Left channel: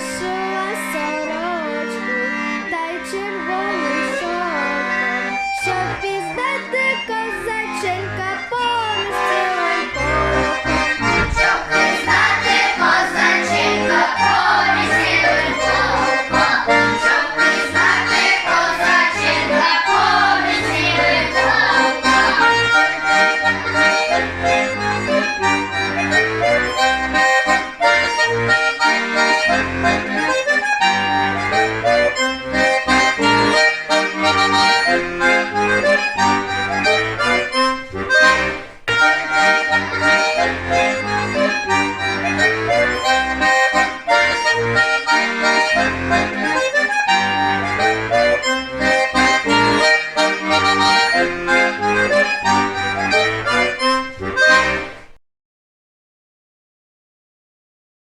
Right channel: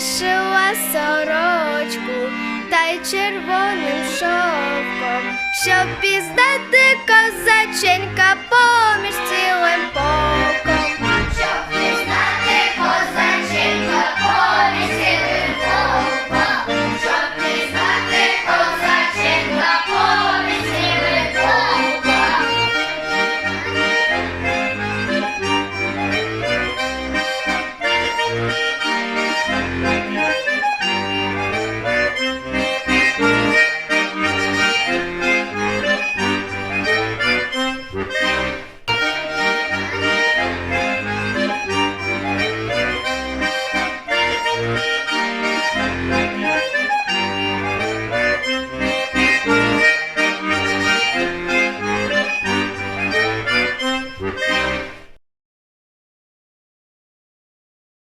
вишила сорочку та й червоним шовком, щоб піздати козаченька.